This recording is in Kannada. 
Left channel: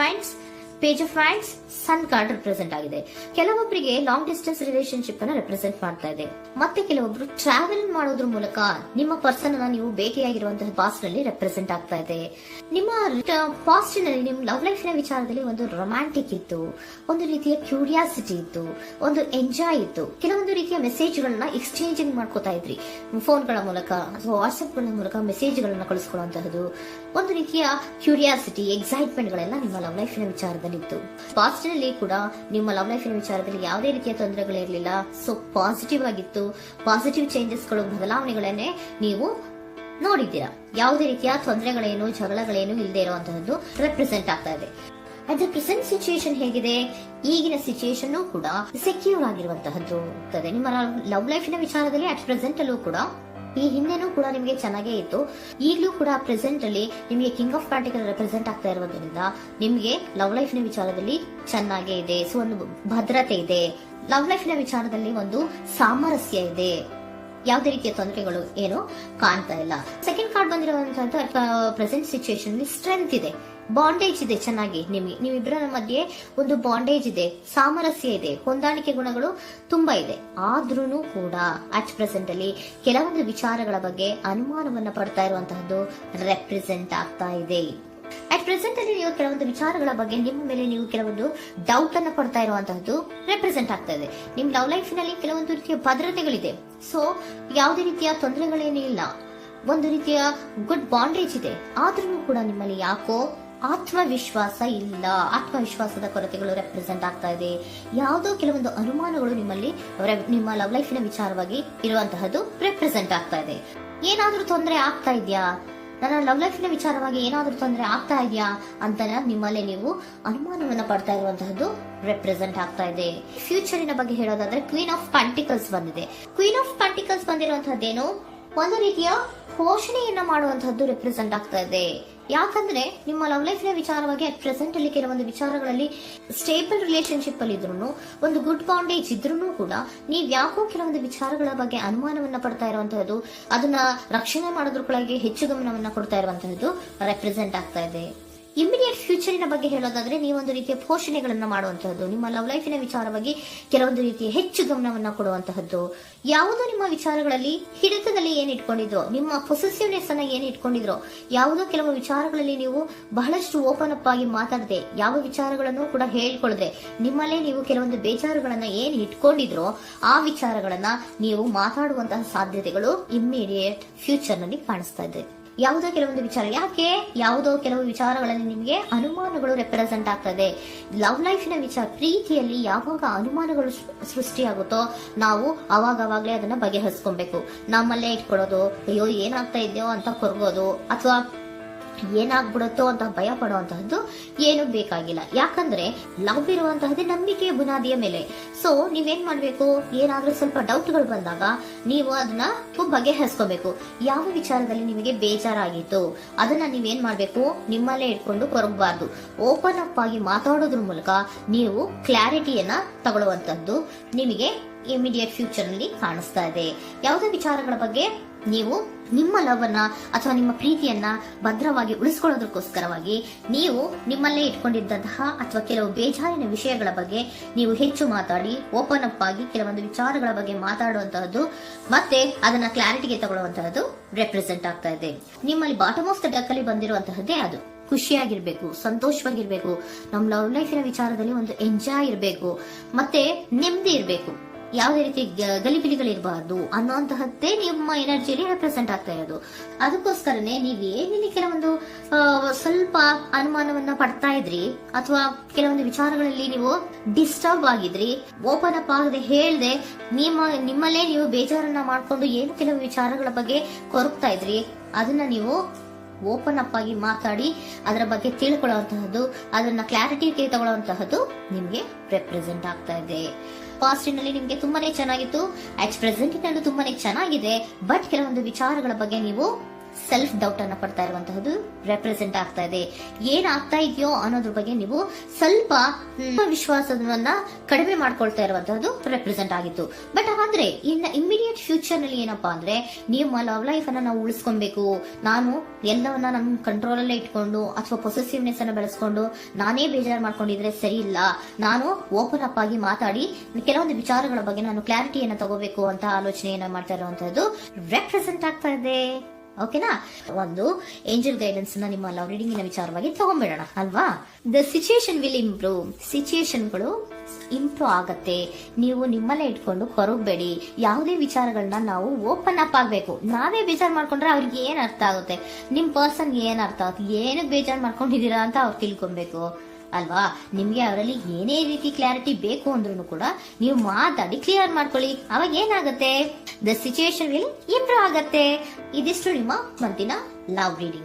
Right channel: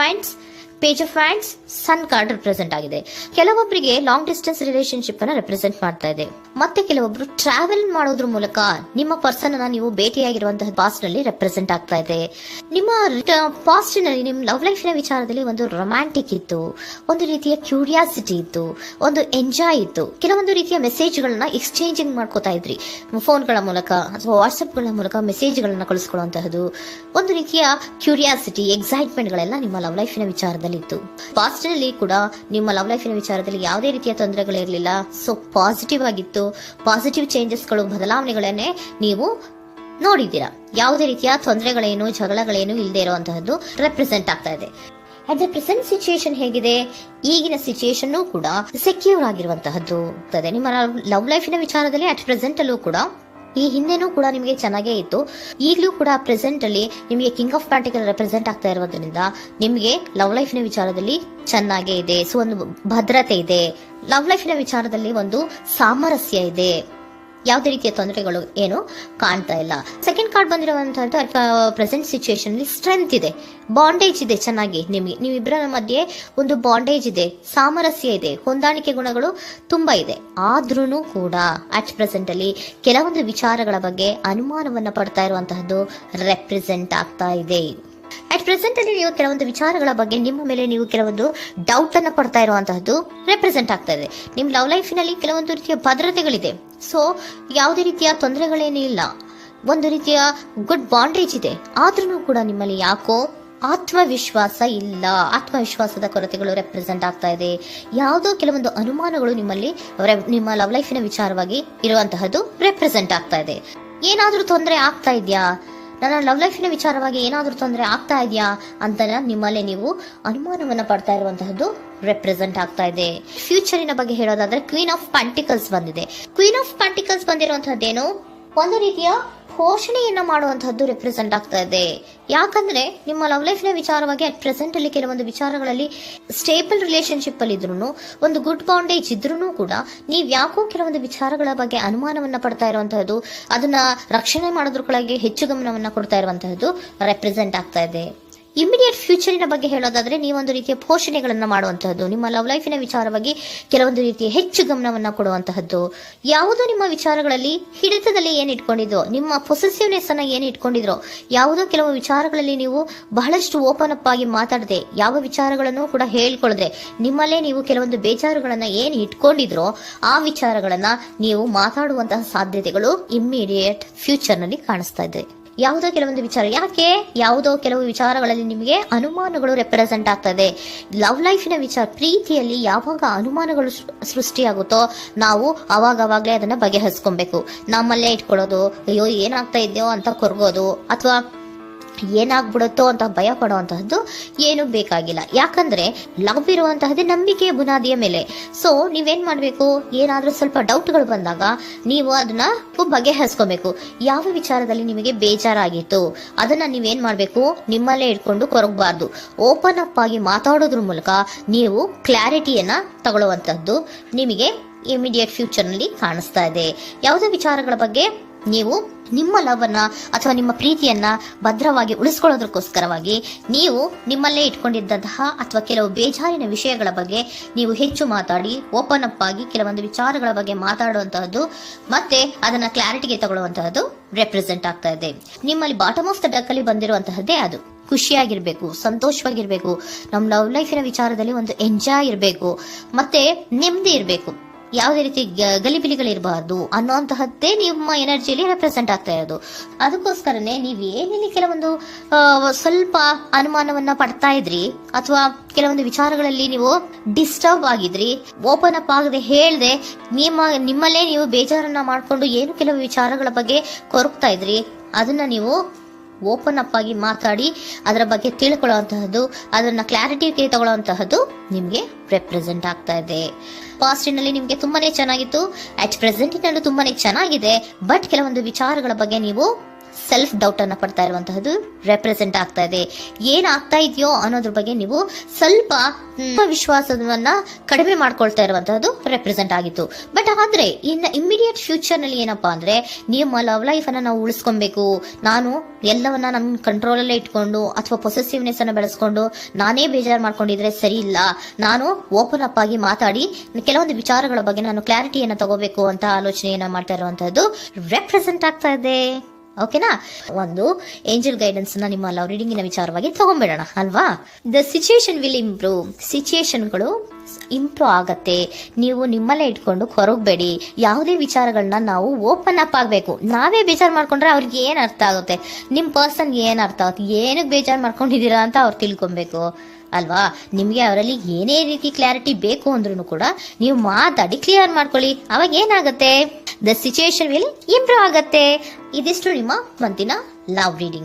Wands, page of wands, sun card represent ಆಗಿದೆ. ಕೆಲವೊಬ್ಬರಿಗೆ ಲಾಂಗ್ ಡಿಸ್ಟೆನ್ಸ್ ರಿಲೇಶನ್ಶಿಪ್ ಅನ್ನ ರೆಪ್ರೆಸೆಂಟ್ ಮಾಡ್ತಾ ಇದೆ. ಮತ್ತೆ ಕೆಲವೊಬ್ರು ಟ್ರಾವೆಲ್ ಮಾಡೋದ್ರ ಮೂಲಕ ನಿಮ್ಮ ಪರ್ಸನ್ ಅನ್ನ ನೀವು ಭೇಟಿಯಾಗಿರುವಂತಹ ಪಾಸ್ಟ್ ನಲ್ಲಿ ರೆಪ್ರೆಸೆಂಟ್ ಆಗ್ತಾ ಇದೆ. ನಿಮ್ಮ ಪಾಸ್ಟ್ ನಲ್ಲಿ ನಿಮ್ಮ ಲವ್ ಲೈಫ್ ನ ವಿಚಾರದಲ್ಲಿ ಒಂದು ರೊಮ್ಯಾಂಟಿಕ್ ಇತ್ತು, ಒಂದು ರೀತಿಯ ಕ್ಯೂರಿಯಾಸಿಟಿ ಇತ್ತು, ಒಂದು ಎಂಜಾಯ್ ಇತ್ತು. ಕೆಲವೊಂದು ರೀತಿಯ ಮೆಸೇಜ್ ಗಳನ್ನ ಎಕ್ಸ್ಚೇಂಜಿಂಗ್ ಮಾಡ್ಕೋತಾ ಇದ್ರಿ, ಫೋನ್ಗಳ ಮೂಲಕ ಅಥವಾ ವಾಟ್ಸ್ಆಪ್ ಗಳ ಮೂಲಕ ಮೆಸೇಜ್ ಗಳನ್ನ ಕಳಿಸ್ಕೊಳ್ಳುವಂತಹದ್ದು, ಒಂದು ರೀತಿಯ ಕ್ಯೂರಿಯಾಸಿಟಿ, ಎಕ್ಸೈಟ್ಮೆಂಟ್ ಗಳೆಲ್ಲ ನಿಮ್ಮ ಲವ್ ಲೈಫ್ ನ ವಿಚಾರದಲ್ಲಿ ಇತ್ತು. ಪಾಸ್ಟ್ ನಲ್ಲಿ ಕೂಡ ನಿಮ್ಮ ಲವ್ ಲೈಫ್ ನ ವಿಚಾರದಲ್ಲಿ ಯಾವುದೇ ರೀತಿಯ ತೊಂದರೆಗಳಿರಲಿಲ್ಲ. ಸೊ ಪಾಸಿಟಿವ್ ಆಗಿತ್ತು. ಪಾಸಿಟಿವ್ ಚೇಂಜಸ್ ಗಳು, ಬದಲಾವಣೆಗಳನ್ನೇ ನೀವು ನೋಡಿದ್ದೀರಾ. ಯಾವುದೇ ರೀತಿಯ ತೊಂದರೆಗಳೇನು, ಜಗಳಗಳೇನು ಇಲ್ಲದೆ ಇರುವಂತಹದ್ದು ರೆಪ್ರೆಸೆಂಟ್ ಆಗ್ತಾ ಇದೆ. ಅಟ್ ದ ಪ್ರೆಸೆಂಟ್ ಸಿಚುಯೇಷನ್ ಹೇಗಿದೆ? ಈಗಿನ ಸಿಚುಯೇಷನ್ ಕೂಡ ಸೆಕ್ಯೂರ್ ಆಗಿರುವಂತಹದ್ದು. ನಿಮ್ಮ ಲವ್ ಲೈಫಿನ ವಿಚಾರದಲ್ಲಿ ಅಟ್ ಪ್ರೆಸೆಂಟ್ ಅಲ್ಲೂ ಕೂಡ, ಈ ಹಿಂದೆನೂ ಕೂಡ ನಿಮಗೆ ಚೆನ್ನಾಗೇ ಇತ್ತು, ಈಗಲೂ ಕೂಡ ಪ್ರೆಸೆಂಟ್ ಅಲ್ಲಿ ನಿಮಗೆ ಕಿಂಗ್ ಆಫ್ ಪ್ಯಾಂಟಿಕಲ್ ರೆಪ್ರೆಸೆಂಟ್ ಆಗ್ತಾ ಇರೋದ್ರಿಂದ ನಿಮಗೆ ಲವ್ ಲೈಫ್ ನ ವಿಚಾರದಲ್ಲಿ ಚೆನ್ನಾಗೇ ಇದೆ. ಸೊ ಒಂದು ಭದ್ರತೆ ಇದೆ. ಲವ್ ಲೈಫ್ ನ ವಿಚಾರದಲ್ಲಿ ಒಂದು ಸಾಮರಸ್ಯ ಇದೆ. ಯಾವುದೇ ರೀತಿಯ ತೊಂದರೆಗಳು ಏನು ಕಾಣ್ತಾ ಇಲ್ಲ. ಸೆಕೆಂಡ್ ಕಾರ್ಡ್ ಬಂದಿರುವಂತಹ ಪ್ರೆಸೆಂಟ್ ಸಿಚುಯೇಷನ್ ಅಲ್ಲಿ ಸ್ಟ್ರೆಂತ್ ಇದೆ, ಬಾಂಡೇಜ್ ಇದೆ. ಚೆನ್ನಾಗಿ ನೀವಿಬ್ಬರ ಮಧ್ಯೆ ಒಂದು ಬಾಂಡೇಜ್ ಇದೆ, ಸಾಮರಸ್ಯ ಇದೆ, ಹೊಂದಾಣಿಕೆ ಗುಣಗಳು ತುಂಬಾ ಇದೆ. ಆದ್ರೂ ಕೂಡ ಅಟ್ ಪ್ರೆಸೆಂಟ್ ಅಲ್ಲಿ ಕೆಲವೊಂದು ವಿಚಾರಗಳ ಬಗ್ಗೆ ಅನುಮಾನವನ್ನ ಪಡ್ತಾ ಇರುವಂತಹದ್ದು ರೆಪ್ರೆಸೆಂಟ್ ಆಗ್ತಾ ಇದೆ. ಅಟ್ ಪ್ರೆಸೆಂಟ್ ಅಲ್ಲಿ ನೀವು ಕೆಲವೊಂದು ವಿಚಾರಗಳ ಬಗ್ಗೆ ನಿಮ್ಮ ಮೇಲೆ ನೀವು ಕೆಲವೊಂದು ಡೌಟ್ ಅನ್ನ ಪಡ್ತಾ ಇರುವಂತಹದ್ದು ರೆಪ್ರೆಸೆಂಟ್ ಆಗ್ತಾ ಇದೆ. ನಿಮ್ ಲವ್ ಲೈಫಿನಲ್ಲಿ ಕೆಲವೊಂದು ರೀತಿಯ ಭದ್ರತೆಗಳಿದೆ. ಸೊ ಯಾವುದೇ ರೀತಿಯ ತೊಂದರೆಗಳೇನೂ ಇಲ್ಲ, ಒಂದು ರೀತಿಯ ಗುಡ್ ಬಾಂಡೇಜ್ ಇದೆ. ಆದ್ರೂ ಕೂಡ ನಿಮ್ಮಲ್ಲಿ ಯಾಕೋ ಆತ್ಮವಿಶ್ವಾಸ ಇಲ್ಲ, ಆತ್ಮವಿಶ್ವಾಸದ ಕೊರತೆಗಳು ರೆಪ್ರೆಸೆಂಟ್ ಆಗ್ತಾ ಇದೆ. ಯಾವುದೋ ಕೆಲವೊಂದು ಅನುಮಾನಗಳು ನಿಮ್ಮಲ್ಲಿ ನಿಮ್ಮ ಲವ್ ಲೈಫಿನ ವಿಚಾರವಾಗಿ ಇರುವಂತಹದ್ದು ರೆಪ್ರೆಸೆಂಟ್ ಆಗ್ತಾ ಇದೆ. ಏನಾದ್ರೂ ತೊಂದರೆ ಆಗ್ತಾ ಇದೆಯಾ, ನನ್ನ ಲವ್ ಲೈಫಿನ ವಿಚಾರವಾಗಿ ಏನಾದ್ರೂ ತೊಂದರೆ ಆಗ್ತಾ ಇದೆಯಾ ಅಂತ ನಿಮ್ಮಲ್ಲೇ ನೀವು ಅನುಮಾನವನ್ನ ಪಡ್ತಾ ಇರುವಂತಹದ್ದು ರೆಪ್ರೆಸೆಂಟ್ ಆಗ್ತಾ ಇದೆ. ಫ್ಯೂಚರಿನ ಬಗ್ಗೆ ಹೇಳೋದಾದ್ರೆ ಕ್ವೀನ್ ಆಫ್ ಪ್ಯಾಂಟಿಕಲ್ಸ್ ಬಂದಿದೆ. ಕ್ವೀನ್ ಆಫ್ ಪ್ಯಾಂಟಿಕಲ್ಸ್ ಬಂದಿರುವಂತಹದ್ದೇನು, ಒಂದು ರೀತಿಯ ಪೋಷಣೆಯನ್ನ ಮಾಡುವಂತಹದ್ದು ರೆಪ್ರೆಸೆಂಟ್ ಆಗ್ತಾ ಇದೆ. ಯಾಕಂದ್ರೆ ನಿಮ್ಮ ಲವ್ ಲೈಫ್ ನ ವಿಚಾರವಾಗಿ ಅಟ್ ಪ್ರೆಸೆಂಟ್ ಅಲ್ಲಿ ಕೆಲವೊಂದು ವಿಚಾರಗಳಲ್ಲಿ ಸ್ಟೇಬಲ್ ರಿಲೇಶನ್ಶಿಪ್ ಅಲ್ಲಿ ಇದ್ರೂ, ಒಂದು ಗುಡ್ ಬಾಂಡೇಜ್ ಇದ್ರೂ ಕೂಡ ನೀವ್ ಯಾಕೋ ಕೆಲವೊಂದು ವಿಚಾರಗಳ ಬಗ್ಗೆ ಅನುಮಾನವನ್ನ ಪಡ್ತಾ ಇರುವಂತಹದ್ದು, ಅದನ್ನ ರಕ್ಷಣೆ ಮಾಡೋದ್ರೊಳಗೆ ಹೆಚ್ಚು ಗಮನವನ್ನ ಕೊಡ್ತಾ ಇರುವಂತಹದ್ದು ರೆಪ್ರೆಸೆಂಟ್ ಆಗ್ತಾ ಇದೆ. ಇಮಿಡಿಯೇಟ್ ಫ್ಯೂಚರಿನ ಬಗ್ಗೆ ಹೇಳೋದಾದ್ರೆ ನೀವೊಂದು ರೀತಿಯ ಪೋಷಣೆಗಳನ್ನ ಮಾಡುವಂತಹದ್ದು, ನಿಮ್ಮ ಲವ್ ಲೈಫಿನ ವಿಚಾರವಾಗಿ ಕೆಲವೊಂದು ರೀತಿಯ ಹೆಚ್ಚು ಗಮನವನ್ನ ಕೊಡುವಂತಹದ್ದು, ಯಾವುದೋ ನಿಮ್ಮ ವಿಚಾರಗಳಲ್ಲಿ ಹಿಡಿತದಲ್ಲಿ ಏನ್ ಇಟ್ಕೊಂಡಿದ್ರೋ, ನಿಮ್ಮ ಪೊಸೆಸಿವ್ನೆಸ್ ಅನ್ನ ಏನ್ ಇಟ್ಕೊಂಡಿದ್ರೋ, ಯಾವುದೋ ಕೆಲವು ವಿಚಾರಗಳಲ್ಲಿ ನೀವು ಬಹಳಷ್ಟು ಓಪನ್ ಅಪ್ ಆಗಿ ಮಾತಾಡದೆ, ಯಾವ ವಿಚಾರಗಳನ್ನು ಕೂಡ ಹೇಳ್ಕೊಳ್ಳದೆ, ನಿಮ್ಮಲ್ಲೇ ನೀವು ಕೆಲವೊಂದು ಬೇಜಾರುಗಳನ್ನ ಏನ್ ಇಟ್ಕೊಂಡಿದ್ರೋ ಆ ವಿಚಾರಗಳನ್ನ ನೀವು ಮಾತಾಡುವಂತಹ ಸಾಧ್ಯತೆಗಳು ಇಮ್ಮಿಡಿಯೇಟ್ ಫ್ಯೂಚರ್ ನಲ್ಲಿ ಕಾಣಿಸ್ತಾ ಇದೆ. ಯಾವುದೋ ಕೆಲವೊಂದು ವಿಚಾರ, ಯಾಕೆ ಯಾವುದೋ ಕೆಲವು ವಿಚಾರಗಳಲ್ಲಿ ನಿಮಗೆ ಅನುಮಾನಗಳು ರೆಪ್ರೆಸೆಂಟ್ ಆಗ್ತದೆ. ಲವ್ ಲೈಫಿನ ವಿಚಾರ, ಪ್ರೀತಿಯಲ್ಲಿ ಯಾವಾಗ ಅನುಮಾನಗಳು ಸೃಷ್ಟಿಯಾಗುತ್ತೋ ನಾವು ಅವಾಗವಾಗ್ಲೇ ಅದನ್ನ ಬಗೆಹರಿಸ್ಕೊಬೇಕು. ನಮ್ಮಲ್ಲೇ ಇಟ್ಕೊಳ್ಳೋದು, ಅಯ್ಯೋ ಏನಾಗ್ತಾ ಇದೆಯೋ ಅಂತ ಕೊರ್ಗೋದು ಅಥವಾ ಏನಾಗ್ಬಿಡುತ್ತೋ ಅಂತ ಭಯ ಪಡುವಂತಹದ್ದು ಏನು ಬೇಕಾಗಿಲ್ಲ. ಯಾಕಂದ್ರೆ ಲವ್ ಇರುವಂತಹದ್ದೇ ನಂಬಿಕೆಯ ಬುನಾದಿಯ ಮೇಲೆ. ಸೊ ನೀವೇನ್ ಮಾಡ್ಬೇಕು, ಏನಾದ್ರೂ ಸ್ವಲ್ಪ ಡೌಟ್ಗಳು ಬಂದಾಗ ನೀವು ಅದನ್ನ ಬಗೆಹರಿಸ್ಕೋಬೇಕು. ಯಾವ ವಿಚಾರದಲ್ಲಿ ನಿಮಗೆ ಬೇಜಾರಾಗಿತ್ತು ಅದನ್ನ ನೀವೇನ್ ಮಾಡ್ಬೇಕು, ನಿಮ್ಮಲ್ಲೇ ಇಟ್ಕೊಂಡು ಕೊರಗಬಾರ್ದು. ಓಪನ್ ಅಪ್ ಆಗಿ ಮಾತಾಡೋದ್ರ ಮೂಲಕ ನೀವು ಕ್ಲಾರಿಟಿಯನ್ನ ತಗೊಳ್ಳುವಂತಹದ್ದು ನಿಮಗೆ ಇಮಿಡಿಯೇಟ್ ಫ್ಯೂಚರ್ ನಲ್ಲಿ ಕಾಣಿಸ್ತಾ ಇದೆ. ಯಾವುದೇ ವಿಚಾರಗಳ ಬಗ್ಗೆ ನೀವು ನಿಮ್ಮ ಲವ್ ಅನ್ನ ಅಥವಾ ನಿಮ್ಮ ಪ್ರೀತಿಯನ್ನ ಭದ್ರವಾಗಿ ಉಳಿಸ್ಕೊಳ್ಳೋದಕ್ಕೋಸ್ಕರವಾಗಿ ನೀವು ನಿಮ್ಮಲ್ಲೇ ಇಟ್ಕೊಂಡಿದ್ದಂತಹ ಅಥವಾ ಕೆಲವು ಬೇಜಾರಿನ ವಿಷಯಗಳ ಬಗ್ಗೆ ನೀವು ಹೆಚ್ಚು ಮಾತಾಡಿ, ಓಪನ್ ಅಪ್ ಆಗಿ ಕೆಲವೊಂದು ವಿಚಾರಗಳ ಬಗ್ಗೆ ಮಾತಾಡುವಂತಹದ್ದು ಮತ್ತೆ ಅದನ್ನ ಕ್ಲಾರಿಟಿಗೆ ತಗೊಳ್ಳುವಂತಹದ್ದು ರೆಪ್ರೆಸೆಂಟ್ ಆಗ್ತಾ ಇದೆ. ನಿಮ್ಮಲ್ಲಿ ಬಾಟಮ್ ಆಫ್ ದ ಡಕ್ ಅಲ್ಲಿ ಬಂದಿರುವಂತಹದ್ದೇ ಅದು. ಖುಷಿಯಾಗಿರ್ಬೇಕು, ಸಂತೋಷವಾಗಿರ್ಬೇಕು, ನಮ್ಮ ಲವ್ ಲೈಫಿನ ವಿಚಾರದಲ್ಲಿ ಒಂದು ಎಂಜಾಯ್ ಇರಬೇಕು, ಮತ್ತೆ ನೆಮ್ಮದಿ ಇರಬೇಕು, ಯಾವುದೇ ರೀತಿ ಗಲಿಬಿಲಿಗಳಿರಬಾರ್ದು ಅನ್ನೋಂತಹದ್ದೇ ನಿಮ್ಮ ಎನರ್ಜಿಯಲ್ಲಿ ರೆಪ್ರೆಸೆಂಟ್ ಆಗ್ತಾ ಇರೋದು. ಅದಕ್ಕೋಸ್ಕರನೇ ನೀವ್ ಏನೇನು ಕೆಲವೊಂದು ಸ್ವಲ್ಪ ಅನುಮಾನವನ್ನ ಪಡ್ತಾ ಇದ್ರಿ ಅಥವಾ ಕೆಲವೊಂದು ವಿಚಾರಗಳಲ್ಲಿ ನೀವು ಡಿಸ್ಟರ್ಬ್ ಆಗಿದ್ರಿ, ಓಪನ್ ಅಪ್ ಆಗದೆ ಹೇಳ್ದೆ ನಿಮ್ಮಲ್ಲೇ ನೀವು ಬೇಜಾರನ್ನ ಮಾಡ್ಕೊಂಡು ಏನು ಕೆಲವು ವಿಚಾರಗಳ ಬಗ್ಗೆ ಕೊರಗ್ತಾ ಇದ್ರಿ, ಅದನ್ನ ನೀವು ಓಪನ್ ಅಪ್ ಆಗಿ ಮಾತಾಡಿ ಅದರ ಬಗ್ಗೆ ತಿಳ್ಕೊಳ್ಳುವಂತಹದ್ದು, ಅದನ್ನ ಕ್ಲಾರಿಟಿಗೆ ತಗೊಳ್ಳುವಂತಹದ್ದು ನಿಮ್ಗೆ ರೆಪ್ರೆಸೆಂಟ್ ಆಗ್ತಾ ಇದೆ. ಪಾಸ್ಟಿನಲ್ಲಿ ನಿಮ್ಗೆ ತುಂಬಾನೇ ಚೆನ್ನಾಗಿತ್ತು, ಅಟ್ ಪ್ರೆಸೆಂಟಿನಲ್ಲೂ ತುಂಬಾನೇ ಚೆನ್ನಾಗಿದೆ. ಬಟ್ ಕೆಲವೊಂದು ವಿಚಾರಗಳ ಬಗ್ಗೆ ನೀವು ಸೆಲ್ಫ್ ಡೌಟ್ ಅನ್ನ ಪಡ್ತಾ ಇರುವಂತಹದ್ದು ರೆಪ್ರೆಸೆಂಟ್ ಆಗ್ತಾ ಇದೆ. ಏನಾಗ್ತಾ ಇದೆಯೋ ಅನ್ನೋದ್ರ ಬಗ್ಗೆ ನೀವು ಸ್ವಲ್ಪ ವಿಶ್ವಾಸವನ್ನ ಕಡಿಮೆ ಮಾಡ್ಕೊಳ್ತಾ ಇರುವಂತಹದ್ದು ರೆಪ್ರೆಸೆಂಟ್ ಆಗಿತ್ತು. ಬಟ್ ಆದ್ರೆ ಇನ್ನು ಇಮಿಡಿಯೇಟ್ ಫ್ಯೂಚರ್ ನಲ್ಲಿ ಏನಪ್ಪಾ ಅಂದ್ರೆ ನಿಮ್ಮ ಲವ್ ಲೈಫ್ ಅನ್ನ ನಾವು ಉಳಿಸ್ಕೊಬೇಕು, ನಾನು ಎಲ್ಲವನ್ನ ನಮ್ಮ ಕಂಟ್ರೋಲ್ ಅಲ್ಲೇ ಇಟ್ಕೊಂಡು ಅಥವಾ ಪೊಸೆಸಿವ್ನೆಸ್ ಅನ್ನ ಬೆಳೆಸ್ಕೊಂಡು ನಾನೇ ಬೇಜಾರು ಮಾಡ್ಕೊಂಡಿದ್ರೆ ಸರಿ ಇಲ್ಲ, ನಾನು ಓಪನ್ ಅಪ್ ಆಗಿ ಮಾತಾಡಿ ಕೆಲವೊಂದು ವಿಚಾರಗಳ ಬಗ್ಗೆ ನಾನು ಕ್ಲಾರಿಟಿಯನ್ನ ತಗೋಬೇಕು ಅಂತ ಆಲೋಚನೆಯನ್ನ ಮಾಡ್ತಾ ಇರುವಂತಹದ್ದು ರೆಪ್ರೆಸೆಂಟ್ ಆಗ್ತಾ ಇದೆ. ಓಕೆನಾ? ಒಂದು ಏಂಜಲ್ ಗೈಡೆನ್ಸ್ ನ ನಿಮ್ಮ ಲವ್ ರೀಡಿಂಗಿನ ವಿಚಾರವಾಗಿ ತಗೊಂಡ್ಬಿಡೋಣ ಅಲ್ವಾ. The situation will improve. ಸಿಚುಯೇಷನ್ಗಳು ಇಂಪ್ರೂವ್ ಆಗತ್ತೆ. ನೀವು ನಿಮ್ಮಲ್ಲೇ ಇಟ್ಕೊಂಡು ಹೊರಗಬೇಡಿ. ಯಾವುದೇ ವಿಚಾರಗಳನ್ನ ನಾವು ಓಪನ್ ಅಪ್ ಆಗ್ಬೇಕು. ನಾವೇ ಬೇಜಾರು ಮಾಡ್ಕೊಂಡ್ರೆ ಅವ್ರಿಗೆ ಏನ್ ಅರ್ಥ ಆಗುತ್ತೆ, ನಿಮ್ ಪರ್ಸನ್ ಏನ್ ಅರ್ಥ ಆಗುತ್ತೆ, ಏನಕ್ಕೆ ಬೇಜಾರು ಮಾಡ್ಕೊಂಡಿದ್ದೀರಾ ಅಂತ ಅವ್ರು ತಿಳ್ಕೊಬೇಕು ಅಲ್ವಾ. ನಿಮ್ಗೆ ಅವರಲ್ಲಿ ಏನೇ ರೀತಿ ಕ್ಲಾರಿಟಿ ಬೇಕು ಅಂದ್ರೂ ಕೂಡ ನೀವು ಮಾತಾಡಿ ಕ್ಲಿಯರ್ ಮಾಡ್ಕೊಳ್ಳಿ. ಅವಾಗ ಏನಾಗುತ್ತೆ, ದ ಸಿಚುಯೇಷನ್ ವಿಲ್ ಇಂಪ್ರೂವ್ ಆಗತ್ತೆ. ಇದಿಷ್ಟು ನಿಮ್ಮ ಮಂತಿನ ಲವ್ ರೀಡಿಂಗ್.